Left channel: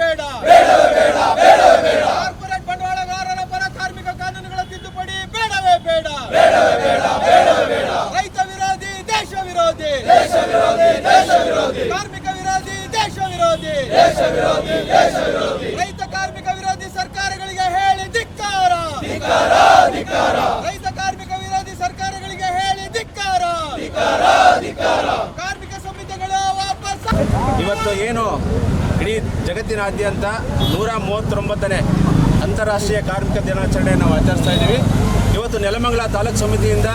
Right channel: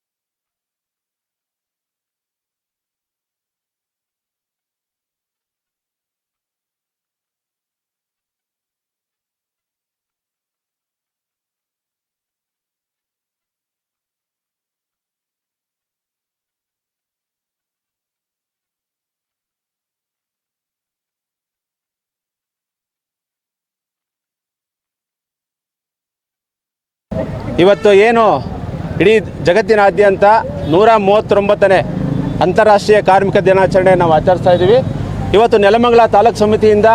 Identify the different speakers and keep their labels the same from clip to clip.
Speaker 1: ಬೇಡ. ಕಾರ್ಪೊರೇಟ್ ಬಂಡವಾಳಗಾರರ ಪರ ಕಾರ್ಮಿಕ ಕಾನೂನುಗಳ ತಿದ್ದುಪಡಿ ಬೇಡವೇ ಬೇಡ. ರೈತ ವಿರೋಧಿ, ದೇಶ ವಿರೋಧಿ. ಕಾರ್ಮಿಕ ವಿರೋಧಿ, ದೇಶ ವಿರೋಧಿ. ರೈತ ಕಾರ್ಮಿಕ ವಿರೋಧಿ ಸರ್ಕಾರಗಳಿಗೆ ಹೇಳಿ ಧಿಕ್ಕಾರ. ರೈತ ಕಾರ್ಮಿಕ ವಿರೋಧಿ ಸರ್ಕಾರಗಳಿಗೆ ಹೇಳಿ ಧಿಕ್ಕಾರ. ಕಾರ್ಮಿಕ ಸಂಹಿತೆಗಳು ವಾಪಸ್.
Speaker 2: ಇವತ್ತು ಏನು ಇಡೀ ಜಗತ್ತಿನಾದ್ಯಂತ ನೂರ ಮೂವತ್ತೊಂಬತ್ತನೇ ಅಂತಾರಾಷ್ಟ್ರೀಯ ಕಾರ್ಮಿಕ ದಿನಾಚರಣೆ ನಾವು ಆಚರಿಸ್ತಾ ಇದ್ದೀವಿ. ಇವತ್ತು ನೆಲಮಂಗಲ ತಾಲೂಕು ಸಮಿತಿಯಿಂದ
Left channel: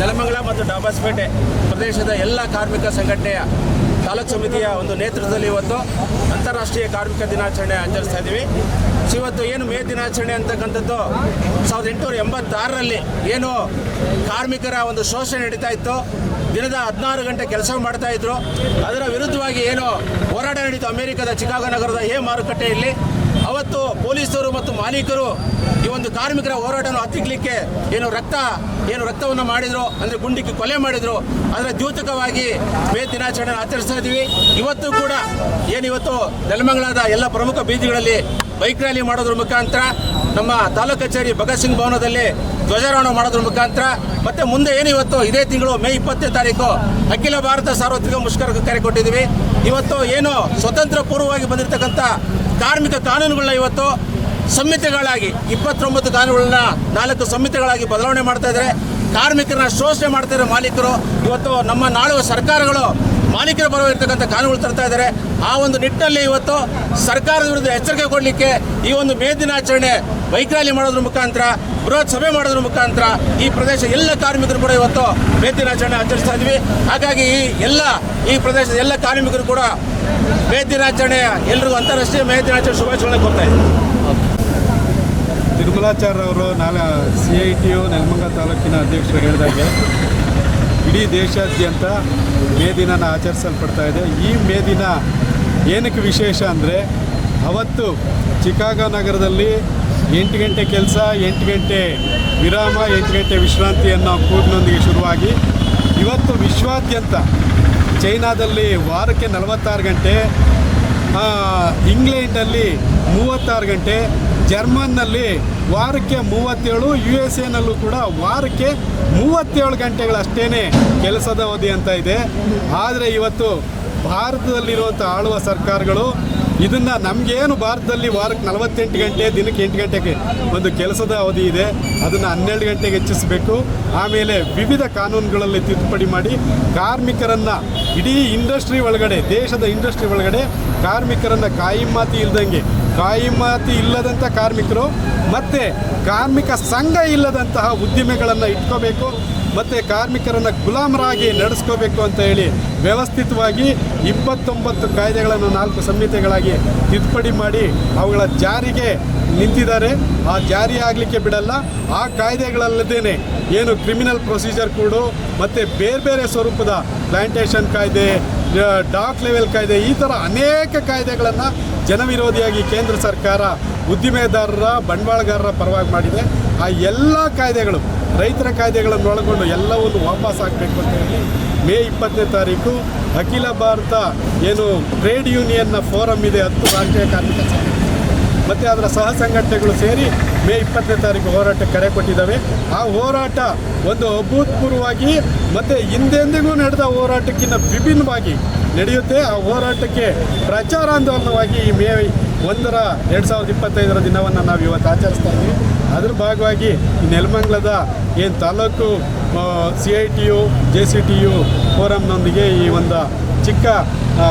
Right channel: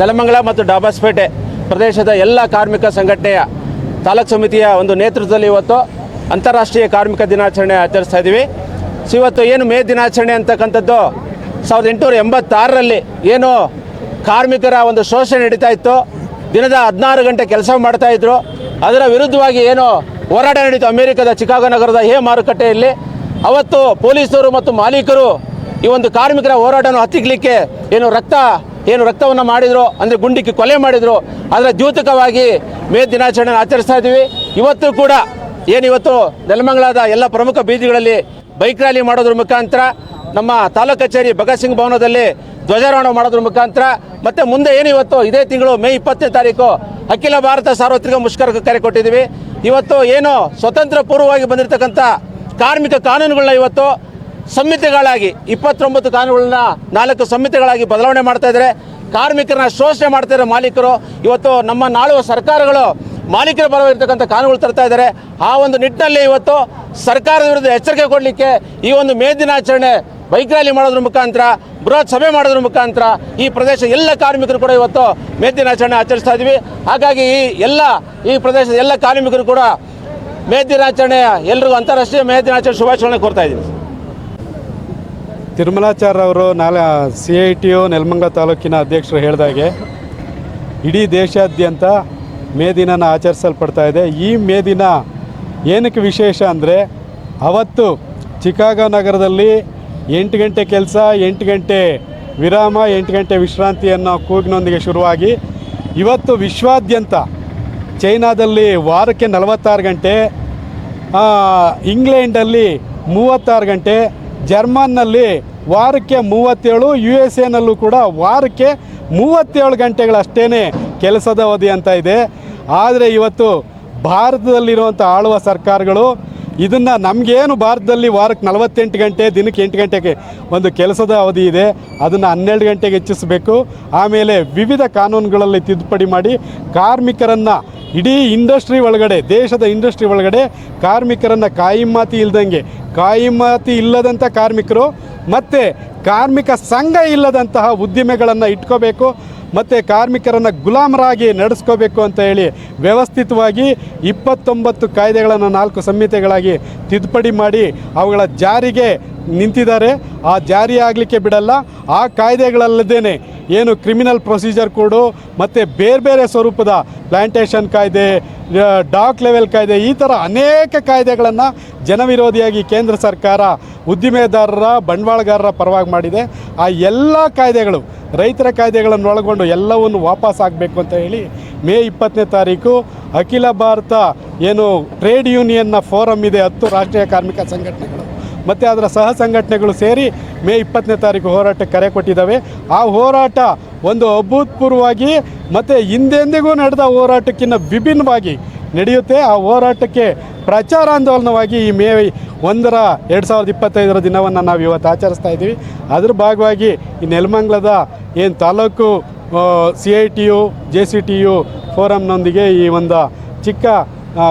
Speaker 2: ನೆಲಮಂಗಲ ಮತ್ತು ಡಾಬಾಸ್ಪೇಟೆ ಪ್ರದೇಶದ ಎಲ್ಲ ಕಾರ್ಮಿಕ ಸಂಘಟನೆಯ ತಾಲೂಕು ಸಮಿತಿಯ ಒಂದು ನೇತೃತ್ವದಲ್ಲಿ ಇವತ್ತು ಅಂತಾರಾಷ್ಟ್ರೀಯ ಕಾರ್ಮಿಕ ದಿನಾಚರಣೆ ಆಚರಿಸ್ತಾ ಇದ್ದೀವಿ. ಸೊ, ಇವತ್ತು ಏನು ಮೇ ದಿನಾಚರಣೆ ಅಂತಕ್ಕಂಥದ್ದು ಸಾವಿರದ ಎಂಟುನೂರ ಎಂಬತ್ತಾರರಲ್ಲಿ ಏನು ಕಾರ್ಮಿಕರ ಒಂದು ಶೋಷಣೆ ನಡೀತಾ ಇತ್ತು. ದಿನದ ಹದಿನಾರು ಗಂಟೆ ಕೆಲಸ ಮಾಡ್ತಾ ಇದ್ರು. ಅದರ ವಿರುದ್ಧವಾಗಿ ಏನು ಹೋರಾಟ ನಡೀತು. ಅಮೆರಿಕದ ಚಿಕಾಗೋ ನಗರದ ಹೇ ಮಾರುಕಟ್ಟೆಯಲ್ಲಿ ಅವತ್ತು ಪೊಲೀಸರು ಮತ್ತು ಮಾಲೀಕರು ಈ ಒಂದು ಕಾರ್ಮಿಕರ ಹೋರಾಟವನ್ನು ಹತ್ತಿಕ್ಕಲಿಕ್ಕೆ ಏನು ರಕ್ತ, ಏನು ರಕ್ತವನ್ನು ಮಾಡಿದ್ರು ಅಂದರೆ ಗುಂಡಿಕ್ಕಿ ಕೊಲೆ ಮಾಡಿದ್ರು. ಅದರ ದ್ಯೂತಕವಾಗಿ ಮೇ ದಿನಾಚರಣೆ ಆಚರಿಸ್ತಾ ಇದ್ದೀವಿ. ಇವತ್ತು ಕೂಡ ಏನು ಇವತ್ತು ನೆಲಮಂಗಲದ ಎಲ್ಲ ಪ್ರಮುಖ ಬೀದಿಗಳಲ್ಲಿ ಬೈಕ್ ರ್ಯಾಲಿ ಮಾಡೋದ್ರ ಮುಖಾಂತರ, ನಮ್ಮ ತಾಲೂಕು ಕಚೇರಿ ಭಗತ್ ಸಿಂಗ್ ಭವನದಲ್ಲಿ ಧ್ವಜಾರೋಹಣ ಮಾಡೋದ್ರ ಮುಖಾಂತರ, ಮತ್ತೆ ಮುಂದೆ ಏನು ಇವತ್ತು ಇದೇ ತಿಂಗಳು ಮೇ ಇಪ್ಪತ್ತನೇ ತಾರೀಕು ಅಖಿಲ ಭಾರತ ಸಾರ್ವತ್ರಿಕ ಮುಷ್ಕರಕ್ಕೆ ಕರೆ ಕೊಟ್ಟಿದ್ದೀವಿ. ಇವತ್ತು ಏನು ಸ್ವತಂತ್ರ ಪೂರ್ವವಾಗಿ ಬಂದಿರತಕ್ಕಂಥ ಕಾರ್ಮಿಕ ಕಾನೂನುಗಳನ್ನ ಇವತ್ತು ಸಂಹಿತೆಗಳಾಗಿ, ಇಪ್ಪತ್ತೊಂಬತ್ತು ಕಾನೂನುಗಳನ್ನ ನಾಲ್ಕು ಸಂಹಿತೆಗಳಾಗಿ ಬದಲಾವಣೆ ಮಾಡ್ತಾ ಇದ್ದಾರೆ. ಕಾರ್ಮಿಕರನ್ನ ಶೋಷಣೆ ಮಾಡ್ತಾ ಇರೋ ಮಾಲೀಕರು. ಇವತ್ತು ನಮ್ಮ ನಾಳುವ ಸರ್ಕಾರಗಳು ಮಾಲೀಕರ ಬರವಿರ್ತಕ್ಕಂಥ ಕಾನೂನುಗಳು ತರ್ತಾ ಇದ್ದಾರೆ. ಆ ಒಂದು ನಿಟ್ಟಿನಲ್ಲಿ ಇವತ್ತು ಸರ್ಕಾರದ ವಿರುದ್ಧ ಎಚ್ಚರಿಕೆ ಕೊಡಲಿಕ್ಕೆ ಈ ಒಂದು ಮೇ ದಿನಾಚರಣೆ ಬೈಕ್ ರ್ಯಾಲಿ ಮಾಡೋದ್ರ ಮುಖಾಂತರ ಬೃಹತ್ ಸಭೆ ಮಾಡೋದ್ರ ಮುಖಾಂತರ ಈ ಪ್ರದೇಶ ಎಲ್ಲ ಕಾರ್ಮಿಕರು ಕೂಡ ಇವತ್ತು ಮೇ ದಿನಾಚರಣೆ ಆಚರಿಸ್ತಾ ಇದ್ವಿ. ಹಾಗಾಗಿ ಈ ಎಲ್ಲ, ಈ ಪ್ರದೇಶದ ಎಲ್ಲ ಕಾರ್ಮಿಕರು ಕೂಡ ಮೇ ದಿನಾಚರಣೆ ಎಲ್ರಿಗೂ ಅಂತಾರಾಷ್ಟ್ರೀಯ ಮೇ ದಿನಾಚರಣೆ ಶುಭಾಶಯಗಳನ್ನ ಕೋರ್ತಾ ಇದ್ದೀವಿ
Speaker 3: ತಿರುಮಲಾಚಾರ್ಯ ಅವರು ನಾಳೆ C I T U Nelamangala ತಾಲೂಕಿನ ಅಧ್ಯಕ್ಷರು ಹೇಳಿದಾಗೆ ಇಡೀ ದೇಶಾದ್ಯಂತ ಮೇ ದಿನನ ಆಚರಿಸಲ್ಪಡ್ತಾ ಇದೆ. ಈ ಮೇ ದಿನ ಏನಕ್ಕೆ ವಿಶೇಷ ಅಂದರೆ ಅವತ್ತು ಚಿಕಾಗೋ ನಗರದಲ್ಲಿ ಎಂಟು ಗಂಟೆ ಕೆಲಸ, ಎಂಟು ಗಂಟೆ ವಿರಾಮ, ಎಂಟು ಗಂಟೆ ವಿಶ್ರಾಂತಿ ಅನ್ನೋ ಕೂಗಿನೊಂದಿಗೆ ಶುರುವಾಗಿ ಇವತ್ತು ವಿಶ್ವಾದ್ಯಂತ ಚೈನಾದಲ್ಲಿ ವಾರಕ್ಕೆ ನಲವತ್ತಾರು ಗಂಟೆ ಇಂಗ್ಲೆಂಡಲ್ಲಿ ಮೂವತ್ತಾರು ಗಂಟೆ, ಜರ್ಮನ್ನಲ್ಲಿ ವಾರಕ್ಕೆ ಮೂವತ್ತೇಳು ಯು ಎಸ್ ಎನಲ್ಲೂ ಕೂಡ ವಾರಕ್ಕೆ ಮೂವತ್ತೇಳು ಗಂಟೆಗಳಷ್ಟೇ ಕೆಲಸದ ಅವಧಿ ಅಂತ ಇದೆ. ಆದರೆ ಇವತ್ತು ಭಾರತದಲ್ಲಿರುವಂಥ ಆಳುವ ಸರ್ಕಾರಗಳು ಇದನ್ನು ನಮಗೇನು ಭಾರತದಲ್ಲಿ ವಾರಕ್ಕೆ ನಲವತ್ತೆಂಟು ಗಂಟೆ, ದಿನಕ್ಕೆ ಎಂಟು ಗಂಟೆಗೆ ಒಂದು ಕೆಲಸದ ಅವಧಿ ಇದೆ. ಅದನ್ನು ಹನ್ನೆರಡು ಗಂಟೆಗೆ ಹೆಚ್ಚಿಸಬೇಕು. ಆಮೇಲೆ ವಿವಿಧ ಕಾನೂನುಗಳಲ್ಲಿ ತಿದ್ದುಪಡಿ ಮಾಡಿ ಕಾರ್ಮಿಕರನ್ನು ಇಡೀ ಇಂಡಸ್ಟ್ರಿ ಒಳಗಡೆ, ದೇಶದ ಇಂಡಸ್ಟ್ರಿ ಒಳಗಡೆ ಕಾರ್ಮಿಕರನ್ನು ಕಾಯಿಮಾತಿ ಇಲ್ದಂಗೆ, ಕಾಯಿಮಾತಿ ಇಲ್ಲದಂಥ ಕಾರ್ಮಿಕರು ಮತ್ತು ಕಾರ್ಮಿಕ ಸಂಘ ಇಲ್ಲದಂತಹ ಉದ್ದಿಮೆಗಳನ್ನು ಇಟ್ಕೋಬೇಕು, ಮತ್ತು ಕಾರ್ಮಿಕರನ್ನು ಗುಲಾಮರಾಗಿ ನಡೆಸ್ಕೋಬೇಕು ಅಂತ ಹೇಳಿ ವ್ಯವಸ್ಥಿತವಾಗಿ ಇಪ್ಪತ್ತೊಂಬತ್ತು ಕಾಯ್ದೆಗಳನ್ನು ನಾಲ್ಕು ಸಂಹಿತೆಗಳಾಗಿ ತಿದ್ದುಪಡಿ ಮಾಡಿ ಅವುಗಳ ಜಾರಿಗೆ ನಿಂತಿದ್ದಾರೆ. ಆ ಜಾರಿ ಆಗಲಿಕ್ಕೆ ಬಿಡಲ್ಲ. ಆ ಕಾಯ್ದೆಗಳಲ್ಲದೇನೆ ಏನು ಕ್ರಿಮಿನಲ್ ಪ್ರೊಸೀಜರ್ ಕೋಡು ಮತ್ತು ಬೇರೆ ಬೇರೆ ಸ್ವರೂಪದ ಪ್ಲಾಂಟೇಷನ್ ಕಾಯ್ದೆ ಡಾಕ್ ಲೆವೆಲ್ ಕಾಯ್ದೆ, ಈ ಥರ ಅನೇಕ ಕಾಯ್ದೆಗಳನ್ನು ಜನವಿರೋಧಿಯಾಗಿ ಕೇಂದ್ರ ಸರ್ಕಾರ ಉದ್ದಿಮೆದಾರರ, ಬಂಡವಾಳಗಾರರ ಪರವಾಗಿ ಮಾಡಿದೆ. ಆ ಎಲ್ಲ ಕಾಯ್ದೆಗಳು ರೈತರ ಕಾಯ್ದೆಗಳನ್ನು ಒಳಗೊಂಡು ಎಲ್ಲವನ್ನು ವಾಪಸ್ ಆಗಬೇಕು ಅಂತ ಹೇಳಿ ಮೇ ಇಪ್ಪತ್ತನೇ ತಾರೀಕು ಅಖಿಲ ಭಾರತ ಏನು ಟ್ರೇಡ್ ಯೂನಿಯನ್ನ ಫೋರಮ್ ಇದೆ, ಹತ್ತು ರಾಷ್ಟ್ರೀಯ ಕಾರ್ಮಿಕ ಸಂಘಟನೆ. ಮತ್ತು ಅದರ ಸಹ ಸಂಘಟನೆಗಳು ಸೇರಿ ಮೇ ಇಪ್ಪತ್ತನೇ ತಾರೀಕು ಹೋರಾಟಕ್ಕೆ ಕರೆ ಕೊಟ್ಟಿದ್ದಾವೆ. ಆ ಹೋರಾಟ ಒಂದು ಅಭೂತಪೂರ್ವವಾಗಿ ಮತ್ತು ಹಿಂದೆಂದಿಗೂ ನಡೆದ ಹೋರಾಟಕ್ಕಿಂತ ವಿಭಿನ್ನವಾಗಿ ನಡೆಯುತ್ತೆ. ಆ ಹೋರಾಟಕ್ಕೆ ಪ್ರಚಾರಾಂದೋಲನವಾಗಿ ಈ ಮೇ ಒಂದರ ಎರಡು ಸಾವಿರದ ಇಪ್ಪತ್ತೈದರ ದಿನವನ್ನು ನಾವು ಇವತ್ತು ಆಚರಿಸ್ತಾ ಇದ್ದೀವಿ. ಅದ್ರ ಭಾಗವಾಗಿ ಈ ನೆಲಮಂಗ್ಲದ ಏನು taluk C I T U J C T U ಫೋರಮ್ನೊಂದಿಗೆ ಈ ಒಂದು ಚಿಕ್ಕ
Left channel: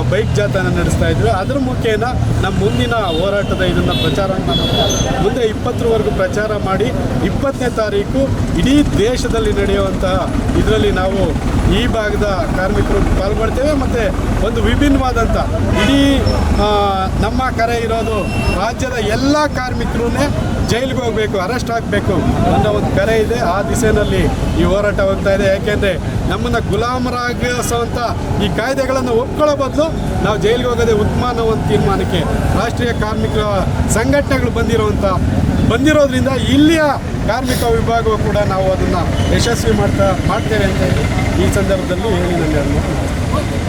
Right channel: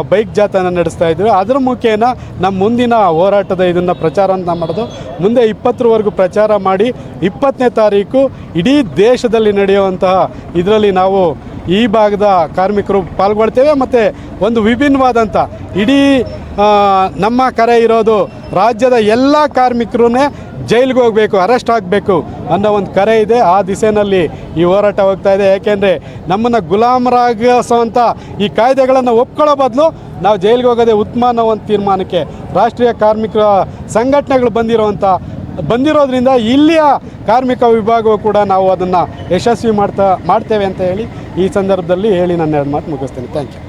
Speaker 3: ಬೈಕ್ ಜಾಥಾನ ನಡೆಸ್ತಾ ಇದ್ವಿ ಅದ್ರ ಮುಖೇನ ನಮ್ಮ ಮುಂದಿನ ಹೋರಾಟದ ಇದನ್ನು ಪ್ರಚಾರವನ್ನು ಮಾಡಿದೆ. ಮುಂದೆ ಇಪ್ಪತ್ತರವರೆಗೂ ಪ್ರಚಾರ ಮಾಡಿ ಇಪ್ಪತ್ತನೇ ತಾರೀಕು ಇಡೀ ದೇಶದಲ್ಲಿ ನಡೆಯುವಂತಹ ಇದರಲ್ಲಿ ನಾವು ಈ ಭಾಗದ ಕಾರ್ಮಿಕರು ಪಾಲ್ಗೊಳ್ತೇವೆ. ಮತ್ತು ಒಂದು ವಿಭಿನ್ನವಾದಂಥ ಇಡೀ ನಮ್ಮ ಕರೆ ಇರೋದು ರಾಜ್ಯದ ಎಲ್ಲ ಕಾರ್ಮಿಕರೂ ಜೈಲಿಗೆ ಹೋಗಬೇಕು ಅರೆಸ್ಟ್ ಆಗಬೇಕು ಅನ್ನೋ ಒಂದು ಕರೆ ಇದೆ. ಆ ದಿಸೆಯಲ್ಲಿ ಈ ಹೋರಾಟ ಹೋಗ್ತಾ ಇದೆ. ಯಾಕೆಂದರೆ ನಮ್ಮನ್ನು ಗುಲಾಮರಾಗಿಸುವಂಥ ಈ ಕಾಯ್ದೆಗಳನ್ನು ಒಪ್ಕೊಳ್ಳೋ ಬದಲು ನಾವು ಜೈಲಿಗೆ ಹೋಗೋದೇ ಉತ್ತಮ ಅನ್ನೋ ಒಂದು ತೀರ್ಮಾನಕ್ಕೆ ರಾಷ್ಟ್ರೀಯ ಕಾರ್ಮಿಕ ಸಂಘಟನೆಗಳು ಬಂದಿರುವಂಥ ಬಂದಿರೋದ್ರಿಂದ ಇಲ್ಲಿಯ ಕಾರ್ಮಿಕ ವಿಭಾಗವು ಕೂಡ ನಾವು ಅದನ್ನು ಯಶಸ್ವಿ ಮಾಡ್ತಾ, ಮಾಡ್ತೇವೆ ಅಂತ ಹೇಳಿ ಈ ಸಂದರ್ಭದಲ್ಲಿ ಹೇಳಿ ನನ್ನ ಎರಡು ಮಾತು ಮುಗಿಸ್ತೇನೆ.